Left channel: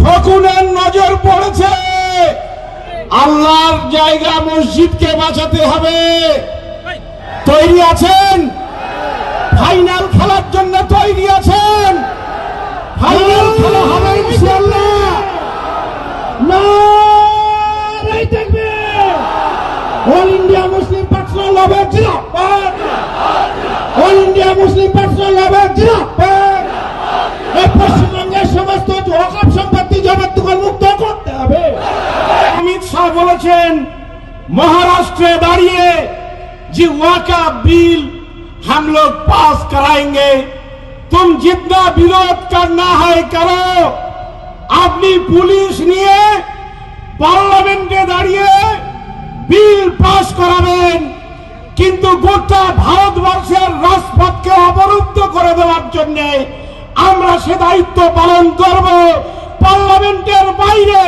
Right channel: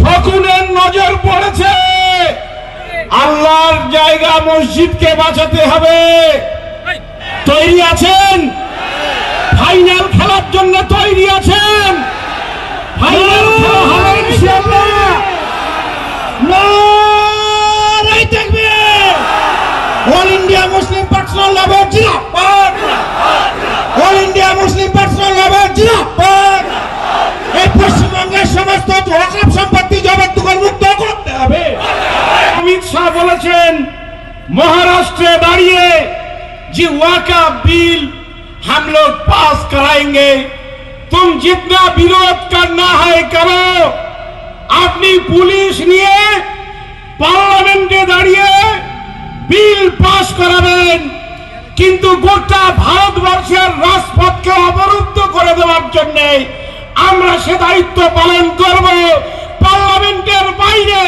শকুনের নজর পড়েছে। আল্লাহর জায়গা মসজিদকে বাঁচাতে হবে। তৈরি আছেন? ফাইনাল খেলার জন্য তৈরি আছেন? ফাইনাল খেলা হবে ইনশাআল্লাহ। নারে তাকবীর! অল ইন্ডিয়া মুসলিম পার্সোনাল ল বোর্ড জিন্দাবাদ! অল ইন্ডিয়া মুসলিম পার্সোনাল ল বোর্ড জিন্দাবাদ! এই পশ্চিমবঙ্গের সমস্ত ওয়াকফ সম্পত্তি জবরদখল মুক্ত করতে হবে। अमित शाह বলেছেন महाराष्ट्र दाঁড়িয়ে जी वक़्फ़ बिल हम लोग पास कराएंगे, तुम जितना विरोध करना है करो। अपनी पुलिस নিয়ে পার্লামেন্টে দাঁড়িয়ে বিল পাস করাবেন, কিন্তু গোটা ভারতবর্ষের রাজপথকে অবরুদ্ধ করে দেওয়ার জন্য আমরা সে দায়িত্ব পালন করব। পার্লামেন্টের বাইরে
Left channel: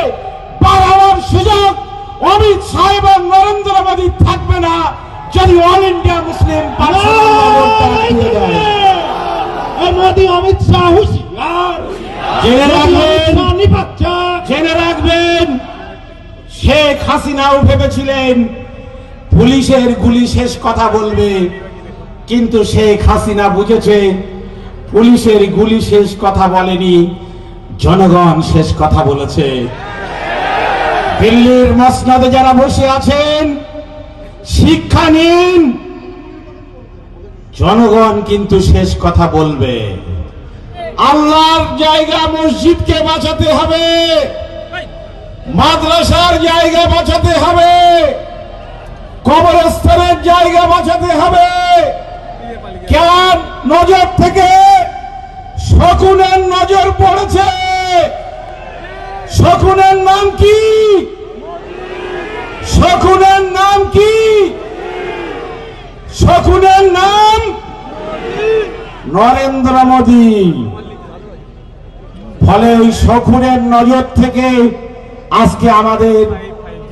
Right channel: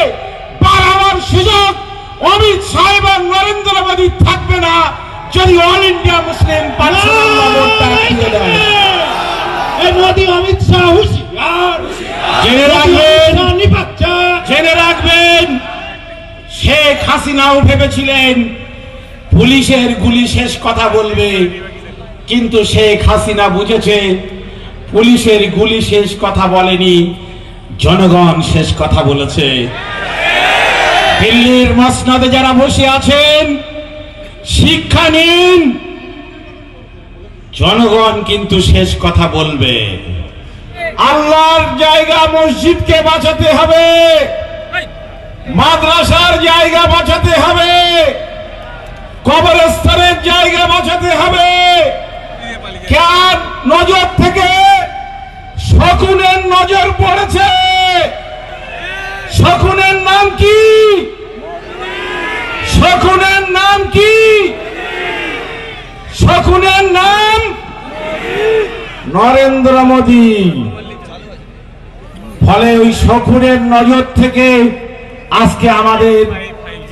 বাড়াবার সুযোগ অমিত শাহ এবং নরেন্দ্র মোদী থাকবে না যদি all India Muslim Modi Amit Shah হুঁশিয়ার। জেনে রাখবেন শেখ হাসিনাও ভেবেছিলেন পুলিশের গুলি শেষ কথা বলবে, কিন্তু শেখ হাসিনা বুঝেছে পুলিশের গুলি শেষ কথা বলেনি, জনগণ শেষ কথা বলেছে। দিল্লির মসনদে যারা বসে আছেন শিক্ষা নিন, জনগণ কিন্তু শেষ কথা বলবে। আল্লাহর জায়গা মসজিদকে বাঁচাতে হবে, মাদ্রাসার জায়গা বাঁচাতে হবে, কবরস্থানের জায়গা বাঁচাতে হবে। কার নজর থেকে? শকুনের নজর পড়েছে। শকুনের নাম কি? শকুনের নাম কি? শকুনের নাম নরেন্দ্র মোদী। ফলে ওই শকুনের নজর থেকে আজকে আমাদের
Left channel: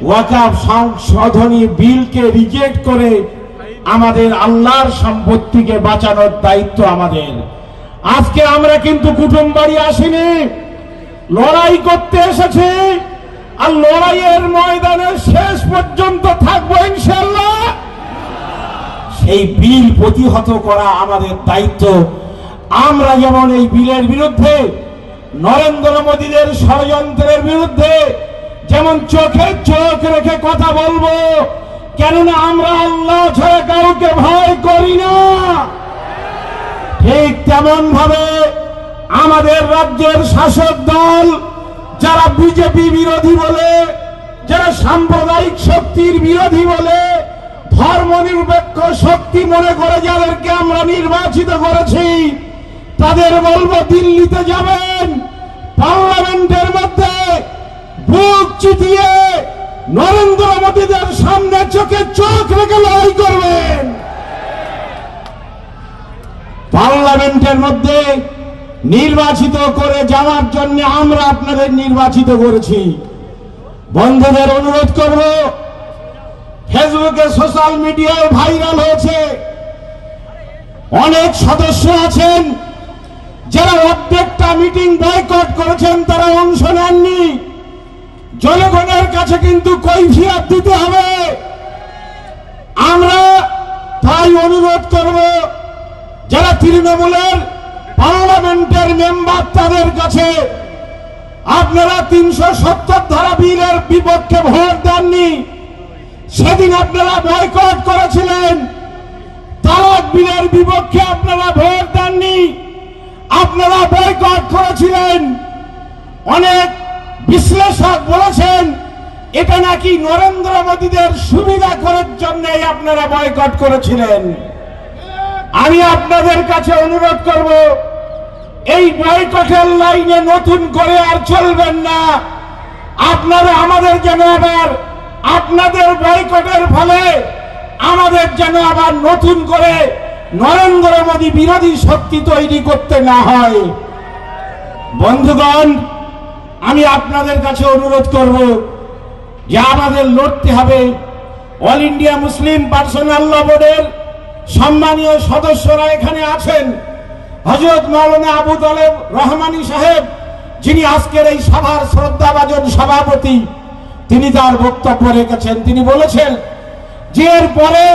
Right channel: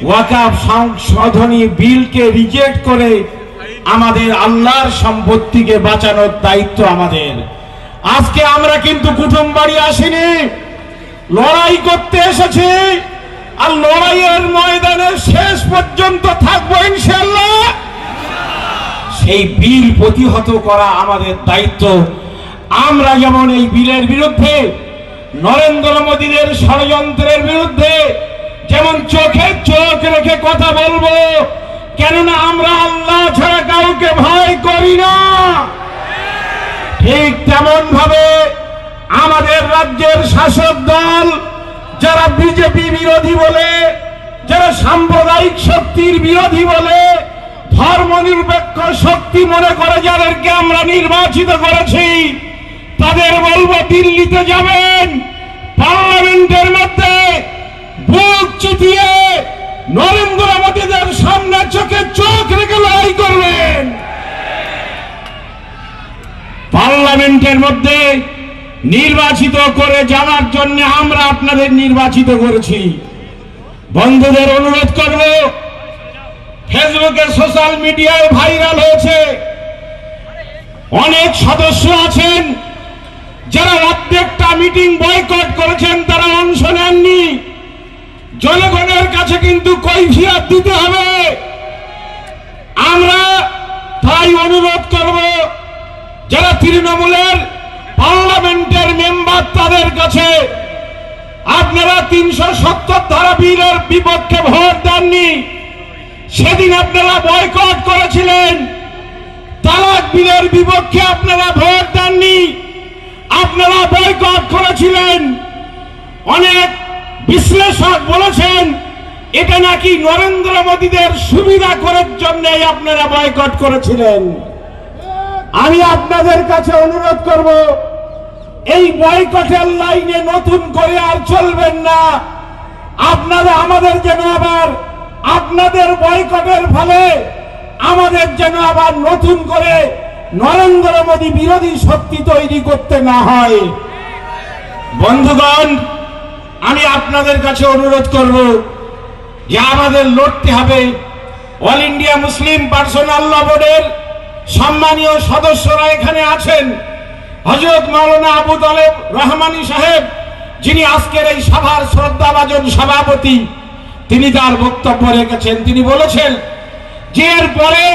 ওয়াকফ সংশোধনী বিলকে রিজেক্ট করে আমাদের আল্লাহর সম্পত্তিকে বাঁচানোর দায়িত্ব আমাদের। আজকে আমরা কিন্তু কুটুম বাড়ি আসিনি, লড়াই করতে এসেছি, আর লড়াইয়ের ময়দানে শেষ পর্যন্ত থাকবো ইনশাআল্লাহ। সেই বিল প্রতিহত করা আমাদের দায়িত্ব। আমরা যেমন এই বিলের বিরুদ্ধে, নরেন্দ্র মোদীর ষড়যন্ত্রের বিরুদ্ধে যেমন চোখে চোখ রেখে কথা বলবো, কেননা আমরা আল্লাহ ছাড়া কাউকে ভয় করি না, ঠিক তেমন ভাবে আমাদের রাজ্যের শাসক দল যারা বিজেপি বিরোধী বলে, যারা সাম্প্রদায়িক শক্তির বিরোধী বলে, ধর্মনিরপেক্ষ শক্তি মনে করে যাদেরকে আমরা নির্বাচিত করেছি, তাদের বলবো দিল্লিতে যাবেন, পার্লামেন্টের মধ্যে বুক চিতিয়ে নরেন্দ্র মোদীদের সামনে চোখে চোখ রেখে লড়াই করবেন। পার্লামেন্টের মধ্যে নির্বাচিত করে যাওয়ার জন্য আমরা আপনাদের নির্বাচিত করেছি। বন্ধুদের অনুরোধ করব, ফেসবুকে সোশ্যাল মিডিয়ায় ভাইরাল হয়েছে, অনেক সদস্য আছেন যারা প্রত্যেকটা মিটিং বয়কট করেছেন, তারা অংশ নেননি। জনগণের কাছে কিন্তু কৈফিয়ত দিতে হবে। আমরা তাই অনুরোধ করব, যারা তৃণমূলের পার্লামেন্টের মেম্বার তাদের কাছে, আপনারা 370 ধারা বিলের বিপক্ষে ভোট দেননি, সেদিন আপনারা বয়কট করেছিলেন। তালাক বিলের বিপক্ষে আপনারা ভোট দেননি, আপনারা বয়কট করেছিলেন। অনেক বিশ্লেষক বলেছেন এটা নাকি নরেন্দ্র মোদীদের সুবিধা করার জন্য আপনারা বয়কট করেছিলেন। আমি আপনাদের কাছে অনুরোধ করব, এই বয়কটের লাইনে নতুন করে আর চলবেন না। আপনারা আমাদের যেন আবার আপনাদের বয়কটের ফলে আমাদের যেন আবার নতুন করে নরেন্দ্র মোদী বিরোধী শক্তি তৈরি করতে না হয়। বন্ধুগণ, আমি আপনাদের কাছে অনুরোধ করব যে আমাদের লড়তে হবে। অল ইন্ডিয়া মুসলিম পার্সোনাল ল বোর্ডের সম্মানীয় সদস্যরা এখানে আছেন। হযরত মাওলানা আবু তালেব রহমানী সাহেব যিনি আজকের এই সভার শ্রদ্ধাভাজন সভাপতি, তিনি তার বক্তব্য রেখেছেন। তিনি বলেছেন যে এর পরে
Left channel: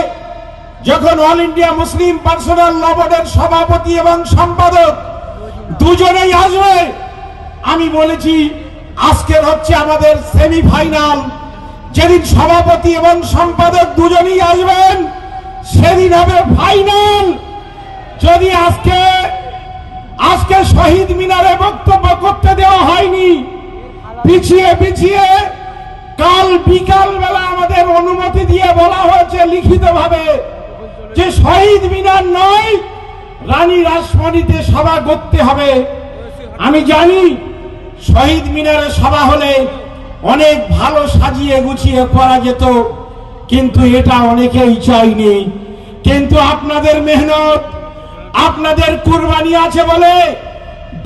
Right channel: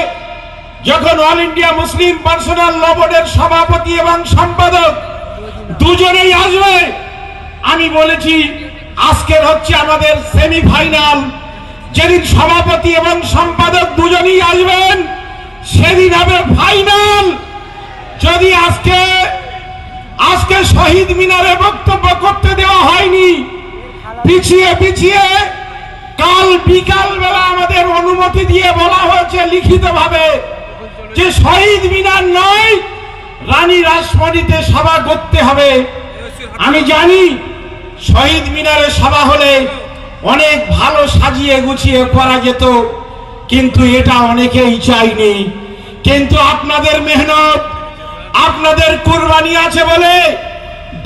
যখন অল ইন্ডিয়া মুসলিম পার্সোনাল ল বোর্ডের সভাপতি এবং সম্পাদক দুজনেই আসবে, আমি বলেছি আজকের হচ্ছে আমাদের সেমিফাইনাল, যেদিন সভাপতি এবং সম্পাদক দুজনেই আসবেন সেদিন হবে ফাইনাল। যদি আজকে শহীদ মিনারে বক্তব্য করতে দেওয়া হয়নি, পিছিয়ে কাল বিকাল বেলা আমাদের অনুমতি দিয়ে বলা হয়েছে লিখিতভাবে যে শহীদ মিনার নয়, রানী রাসমণিতে সভা করতে হবে। আমি জানি শহীদ মিনারে সভা হলে অনেক ভালো সাজিয়ে গুছিয়ে করা যেত, কিন্তু এটা অনেকেই চাইনি। কিন্তু আপনাদের মেহনত, আপনাদের কুরবানি আছে বলে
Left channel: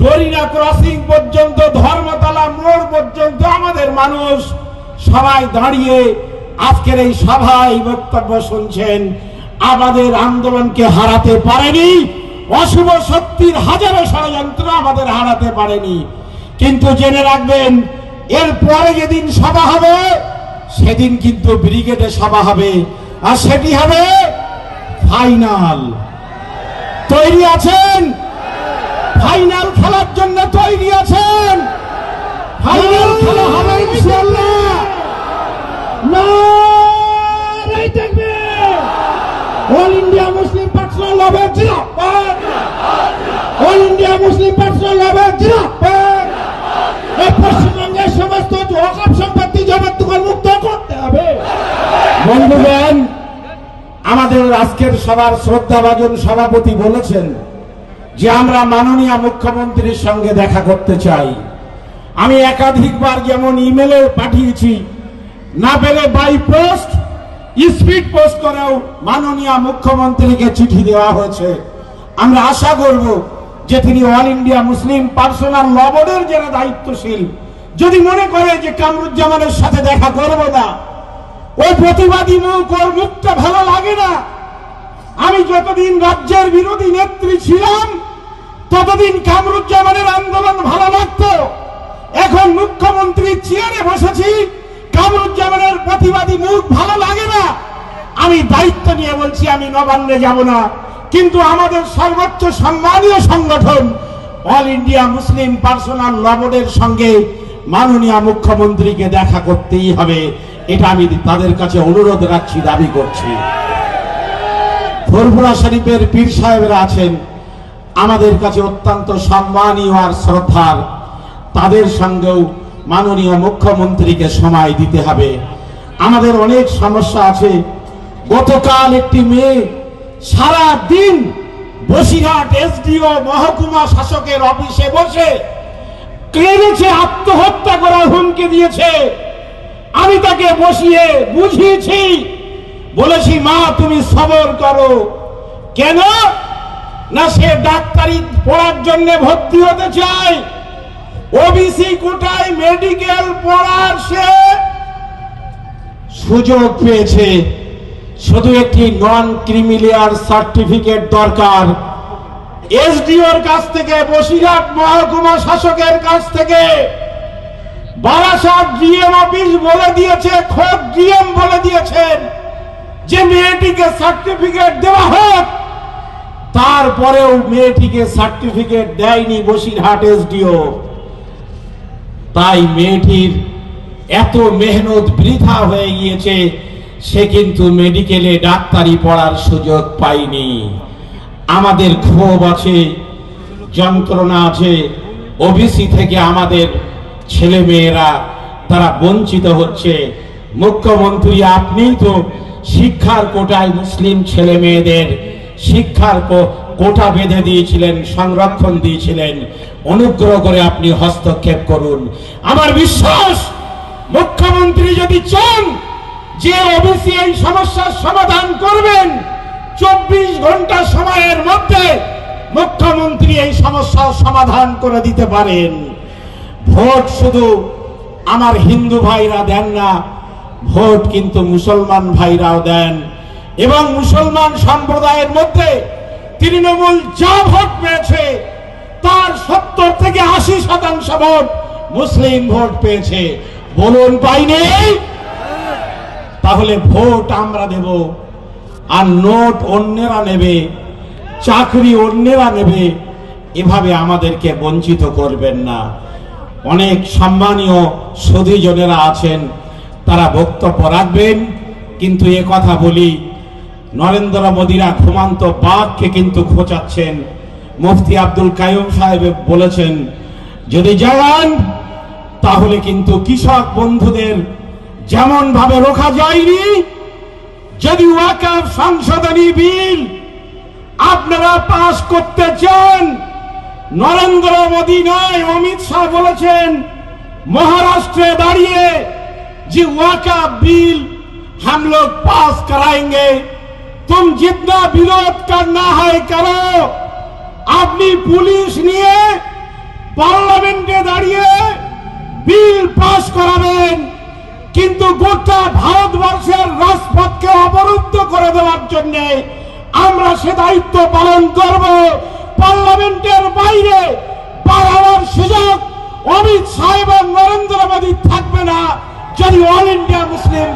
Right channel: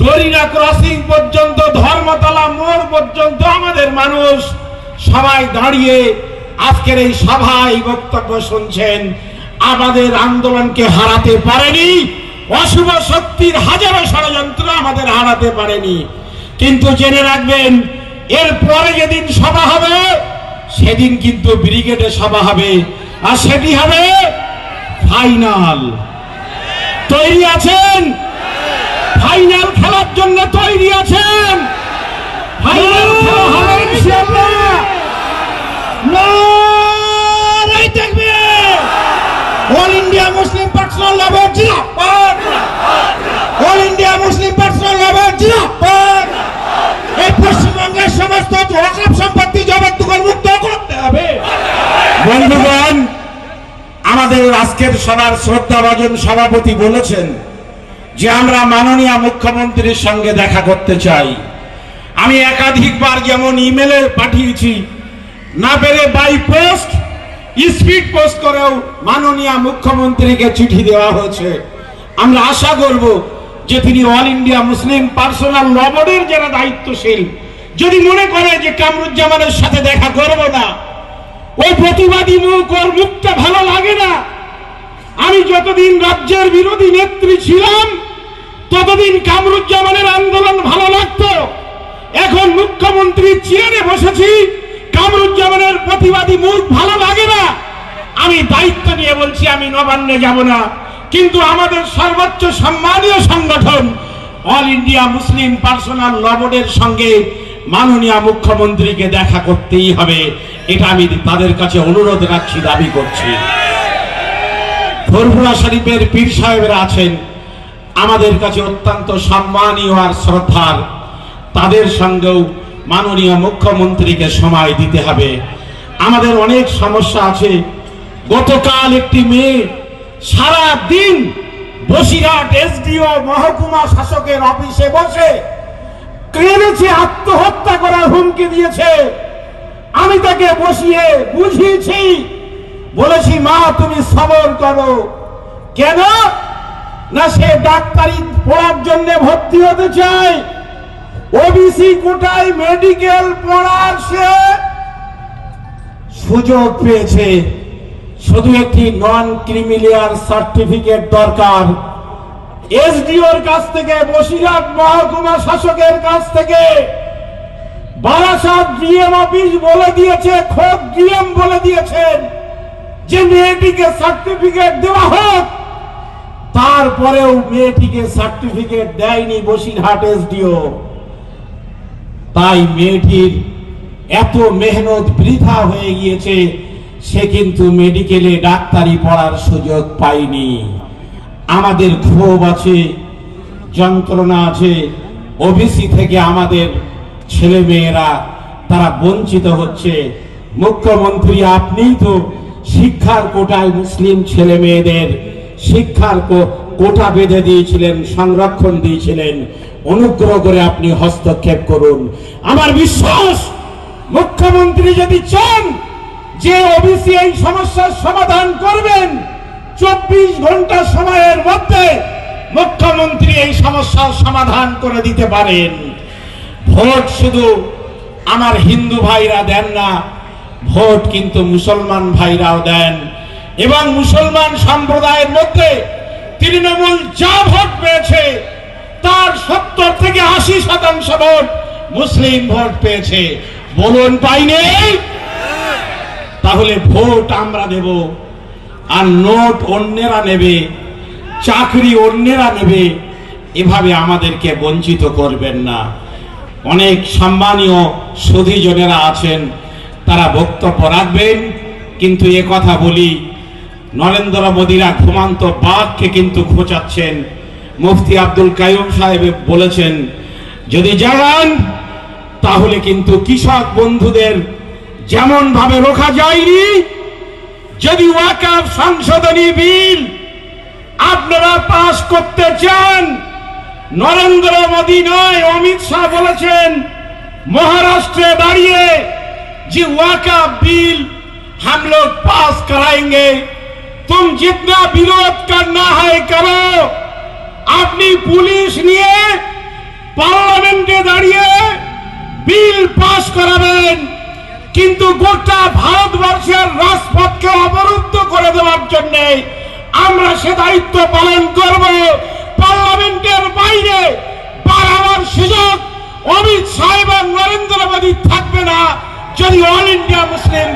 দরিনা ক্রসিং পর্যন্ত, ধর্মতলা মোড় পর্যন্ত আমাদের মানুষ সবাই দাঁড়িয়ে আজকের এই সভায় বক্তব্য শুনছেন। আমাদের আন্দোলনকে হারাতে পারেনি, অশুভ শক্তির হাজারো ষড়যন্ত্র আমাদের হারাতে পারেনি। কিন্তু জেনে রাখবেন, এর পরে যেদিন সভা হবে সেদিন কিন্তু ব্রিগেডে সভা হবে, আর সেটি হবে ফাইনাল। তৈরি আছেন? ফাইনাল খেলার জন্য তৈরি আছেন? ফাইনাল খেলা হবে ইনশাআল্লাহ। নারে তাকবীর! অল ইন্ডিয়া মুসলিম পার্সোনাল ল বোর্ড জিন্দাবাদ! অল ইন্ডিয়া মুসলিম পার্সোনাল ল বোর্ড জিন্দাবাদ! এই পশ্চিমবঙ্গের সমস্ত ওয়াকফ সম্পত্তি জবরদখল মুক্ত করতে হবে। বন্ধুগণ, আমাদের আজকের সভার শ্রদ্ধাভাজন সভাপতি বলেছেন যে আমরা মাননীয় মুখ্যমন্ত্রীর সঙ্গে দেখা করতে চাই। আমি একাধিকবার যেমন ইমেলে পাঠিয়েছি, না পেরে বাই পোস্ট, স্পিড পোস্ট করেও মাননীয় মুখ্যমন্ত্রীকে চিঠি দেওয়া হয়েছে। আমরা আশা করব যে তিনি অল ইন্ডিয়া মুসলিম পার্সোনাল ল বোর্ডের যারা দায়িত্বশীল, যদি মনে করে যে কামরুজ্জামানের সাথে দেখা করব না, ওই প্রতিবাদী মুখ, ওর মুখটা ভালো লাগে না। আমি যতদিন রাজ্যের বিরোধী নেত্রী ছিলাম ততদিন কামরুজ্জামানের আন্দোলন ভালো লাগতো। এখন মুখ্যমন্ত্রীর চেয়ারে বসেছি, কামরুজ্জামানের প্রতিবাদী মুখ ভালো লাগে না। আমি দায়িত্ব নিয়ে বলছি, আমি নবান্নে যাব না, কিন্তু আমাদের সর্বোচ্চ সম্মানীয় সংগঠন অল ইন্ডিয়া মুসলিম পার্সোনাল ল বোর্ডের সঙ্গে মাননীয় মুখ্যমন্ত্রীকে দেখা করতেই হবে। এটা আমি তাদের কাছে অনুরোধ রাখছি, দাবি করছি। ফুরফুরা শরীফের পীর সাহেবরা আছেন আমাদের কাছে অত্যন্ত সম্মানীয় আর শ্রদ্ধার, তাদের সঙ্গেও মাননীয় মুখ্যমন্ত্রীকে সময় দিতে হবে। আমাদের অনেক সমস্যা আছে। গতকাল একটি মেয়ে সারা দিন বসিরহাট এসডিও মহকুমা শাসকের অফিসে বসে কেঁদেছে, আত্মহত্যা করার হুমকি দিয়েছে। আমি তাকে বসিয়ে বুঝিয়েছি, বলেছি মা তুমি সবর করো। কেন না, সে ডাক্তারি পড়ার জন্য ভর্তি হতে চায়, ওবিসি কোটায় মেডিকেল পড়ার সে সুযোগ পেয়েছে। শুধু একটি নন ক্রিমিলিয়ার সার্টিফিকেট দরকার। এসডিওর কাছ থেকে, বসিরহাট মহকুমা শাসকের কাছ থেকে, বারাসাত ডিএম অফিস বলে দিয়েছে, খোদ ডিএম বলে দিয়েছেন যে মেয়েটিকে সার্টিফিকেট দেওয়া হোক। তারপরেও মেয়েটিকে সার্টিফিকেট দেয়নি বসিরহাট এসডিও। তাই মেয়েটির এত মেহনত বৃথা হয়ে গিয়েছে, সে কিন্তু মেডিকেলে ডাক্তারি পড়ার সুযোগ পায়নি। আমাদের ক্ষোভ আছে, যন্ত্রণা আছে। ওবিসি থেকে আমাদের ছেলে মেয়েরা তারা বঞ্চিত হচ্ছে। মুখ্যমন্ত্রী আপনি তো শিক্ষার কোটায় মুসলিম ছেলে মেয়েদের শিক্ষার কোটা বেঁধে দিয়েছিলেন, সংরক্ষণ দিয়েছিলেন। অনুগ্রহ করে আপনি হস্তক্ষেপ করুন। আমার বিশ্বাস, মুখ্যমন্ত্রী যদি চান যে ওবিসি এই সমস্যার সমাধান করবেন, 24 ঘন্টা সময়ের মধ্যে মুখ্যমন্ত্রী এই সমস্যার সমাধান করে দিতে পারেন। ভোট শুধু আমার হিন্দু ভাইরা দেন না, ভোট কিন্তু মুসলমান ভাইরাও দেন। এবং মুসলমান সম্প্রদায়ের মধ্যে তৃণমূল যা ভোট পেয়েছে তার 70 থেকে 80% ভোট মুসলিম ভোট পেয়েছে। বলুন পাইনি? তাহলে ভোট আমরা দেব, আর নোট অন্যেরা নেবে, চাকরি অন্যেরা নেবে, এভাবে আমাদেরকে বঞ্চিত করবেন না। অনেক সম্মানীয় সুধীজনেরা আছেন, তারা বক্তব্য রাখবেন, কিন্তু এ কথা বলি, নরেন্দ্র মোদীরা ঘুমান্ত বাঘকে কিন্তু খোঁচাচ্ছেন। মুফতি আব্দুল কাইয়ুম সাহেব বলেছেন, যদি যান তাহলে কিন্তু কৃষক বন্ধুদের যেমন ভাবে রোখা যায়নি, যদি ওয়াকফ সংশোধনী বিল আপনারা পাস করতে চান, नरेंद्र मोदी नয় अमित शाह বলেছেন महाराष्ट्र दाड़िए जी वक़्फ़ बिल हम लोग पास कराएंगे, तुम जितना विरोध करना है करो। अपनी पुलिस নিয়ে পার্লামেন্টে দাঁড়িয়ে বিল পাস করাবেন, কিন্তু গোটা ভারতবর্ষের রাজপথকে অবরুদ্ধ করে দেওয়ার জন্য আমরা সে দায়িত্ব পালন করব। পার্লামেন্টের বাইরে বাড়াবার সুযোগ অমিত শাহ এবং নরেন্দ্র মোদী থাকবে না যদি all India Muslim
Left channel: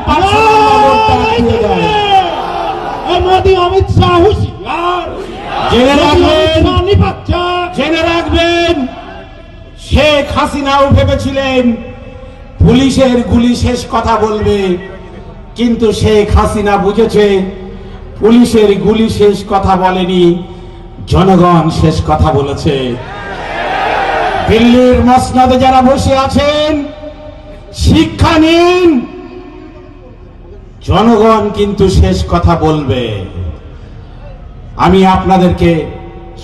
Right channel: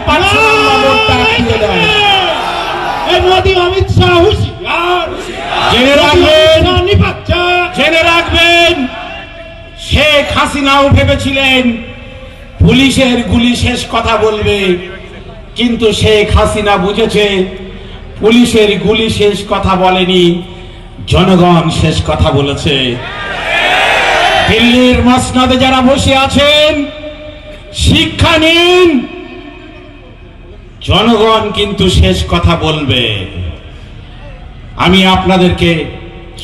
Modi Amit Shah হুঁশিয়ার। জেনে রাখবেন, শেখ হাসিনাও ভেবেছিলেন পুলিশের গুলি শেষ কথা বলবে, কিন্তু শেখ হাসিনা বুঝেছে পুলিশের গুলি শেষ কথা বলেনি, জনগণ শেষ কথা বলেছে। দিল্লির মসনদে যারা বসে আছেন শিক্ষা নিন, জনগণ কিন্তু শেষ কথা বলবে। আমি আপনাদেরকে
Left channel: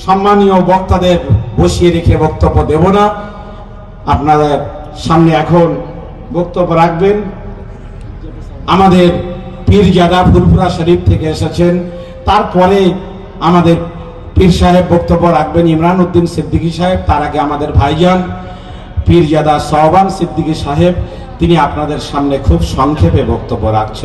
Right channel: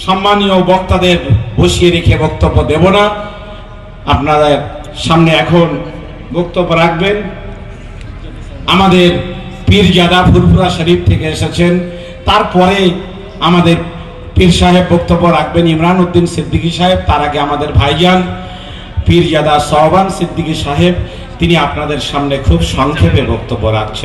সম্মানীয় বক্তাদের বসিয়ে রেখে বক্তব্য দেব না, আপনাদের সামনে এখন বক্তব্য রাখবেন আমাদের পীরজাদা ফুরফুরা শরীফ থেকে এসেছেন। তারপরে আমাদের পীর সাহেব বক্তব্য রাখবেন ইমরান উদ্দিন সিদ্দিকী সাহেব। তার আগে আমাদের ভাইজান পীরজাদা সোহবান সিদ্দিকী সাহেব, তিনি আপনাদের সামনে খুব সংক্ষেপে বক্তব্য রাখছেন।